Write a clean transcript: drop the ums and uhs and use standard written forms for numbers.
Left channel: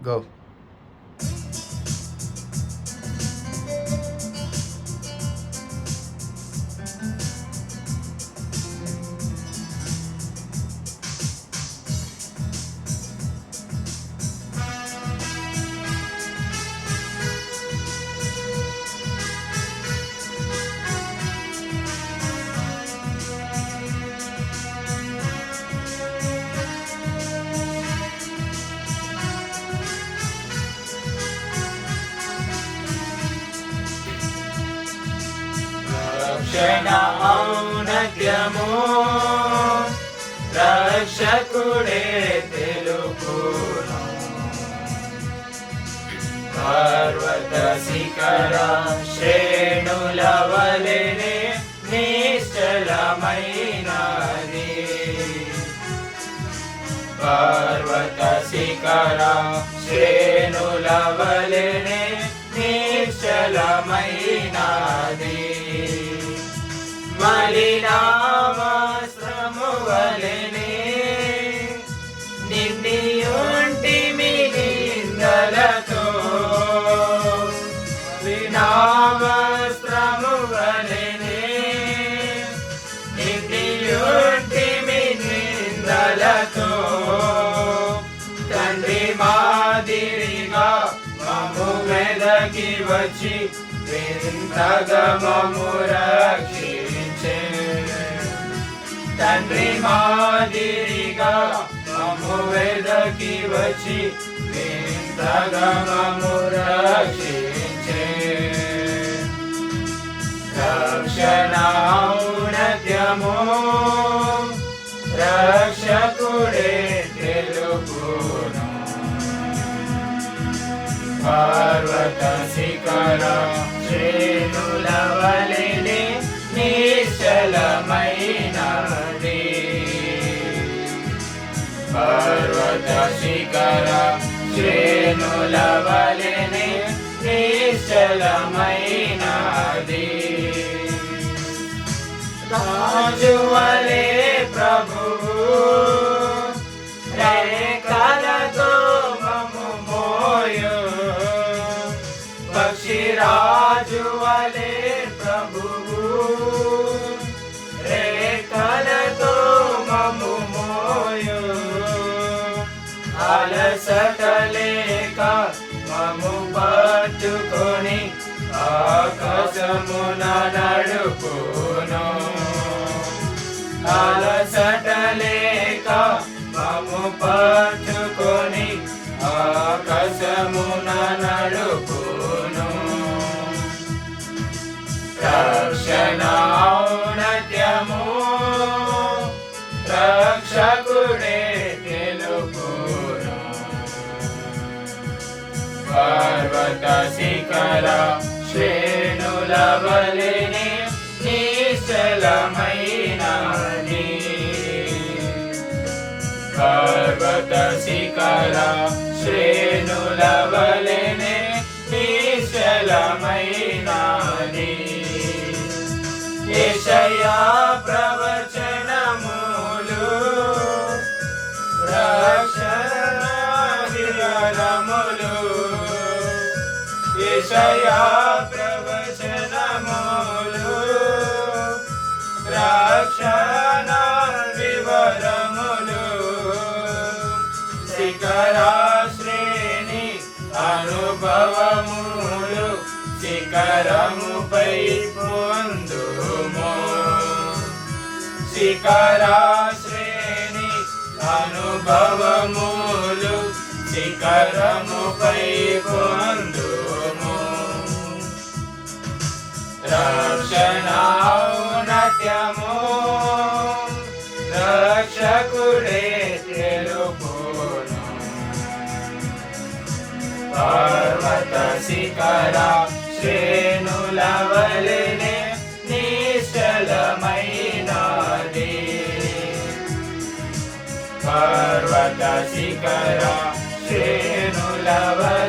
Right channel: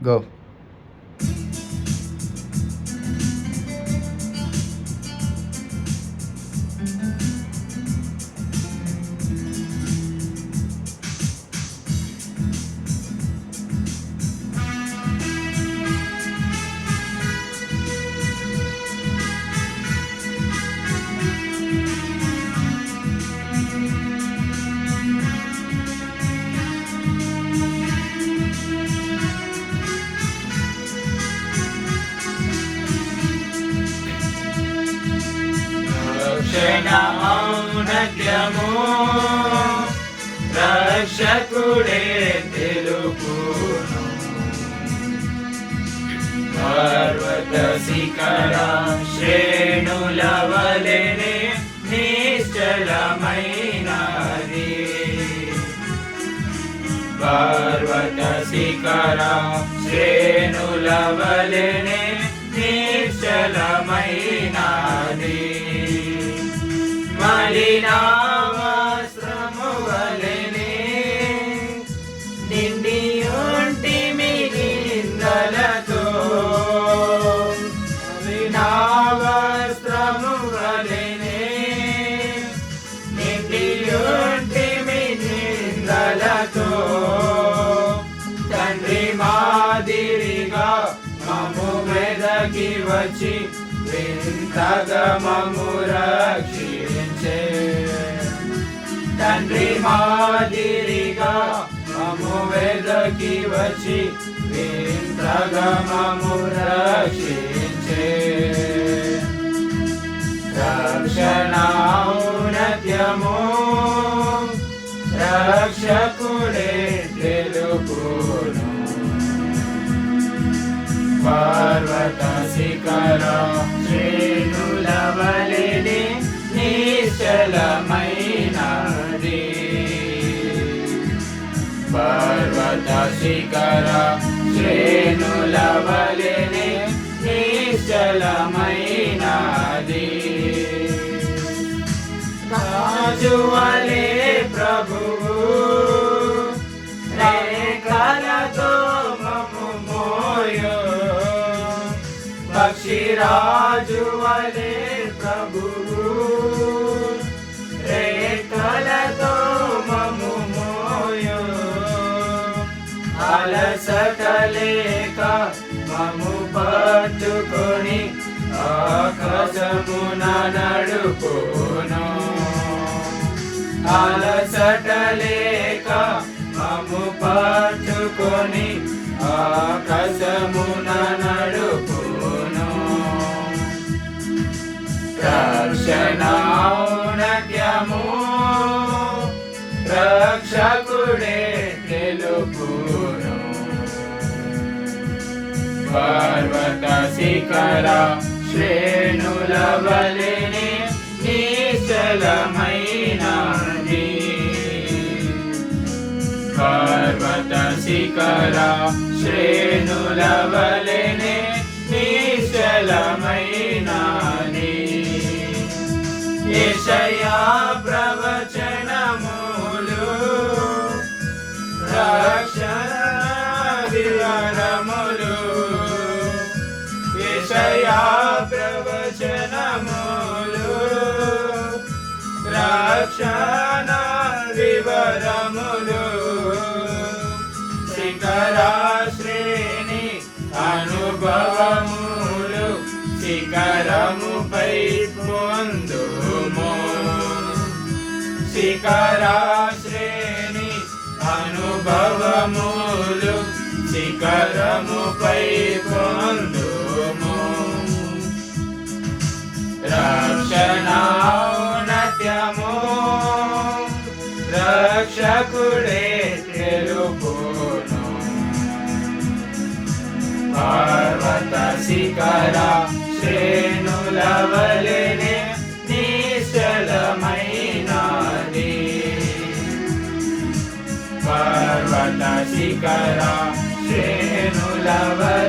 Go. ఔన్నత్యము రక్షకుడే తెలుపును. పర్వత శిఖర శ్రేణుల వలెనే నిశ్చలమైనది. పర్వత శిఖర శ్రేణుల వలెనే నిశ్చలమైనది. మలిన వస్త్రము వలెనే నిండియుంటిమి నిందలతో. మలిన వస్త్రము వలెనే నిండియుంటిమి నిందలతో. తండ్రి మాదిరిగా మమ్ము వెదకి వచ్చి వింతగా మమ్ము రక్షించే. తండ్రి మాదిరిగా మమ్ము వెదకి వచ్చి వింతగా మమ్ము రక్షించే. రక్షణ ఔన్నత్యము రక్షకుడే తెలుపును. పర్వత శిఖర శ్రేణుల వలెనే నిశ్చలమైనది. పర్వత శిఖర శ్రేణుల వలెనే నిశ్చలమైనది. రాజు వలె ప్రభువు రేఖలతో మమ్ము మోయు. పక్షిరాజు వలె ప్రభువు రేఖలతో మమ్ము మోయు. అలసట లేక మమ్ము పట్టుకొని ఆకాశమున నడుపును. అలసట లేక మమ్ము పట్టుకొని ఆకాశమున నడుపును. రక్షణ ఔన్నత్యము రక్షకుడే తెలుపును. పర్వత శిఖర శ్రేణుల వలెనే నిశ్చలమైనది. పర్వత శిఖర శ్రేణుల వలెనే నిశ్చలమైనది. యెషయా ప్రవచనములు రక్షణ వివరములు. యెషయా ప్రవచనములు రక్షణ వివరములు. శిఖర శ్రేణి అనుభవములు శిఖరముపై పొందుము. శిఖర శ్రేణి అనుభవములు శిఖరముపై పొందుము. రక్షణ ఔన్నత్యము రక్షకుడే తెలుపును. పర్వత శిఖర శ్రేణుల వలెనే నిశ్చలమైనది. పర్వత శిఖర శ్రేణుల వలెనే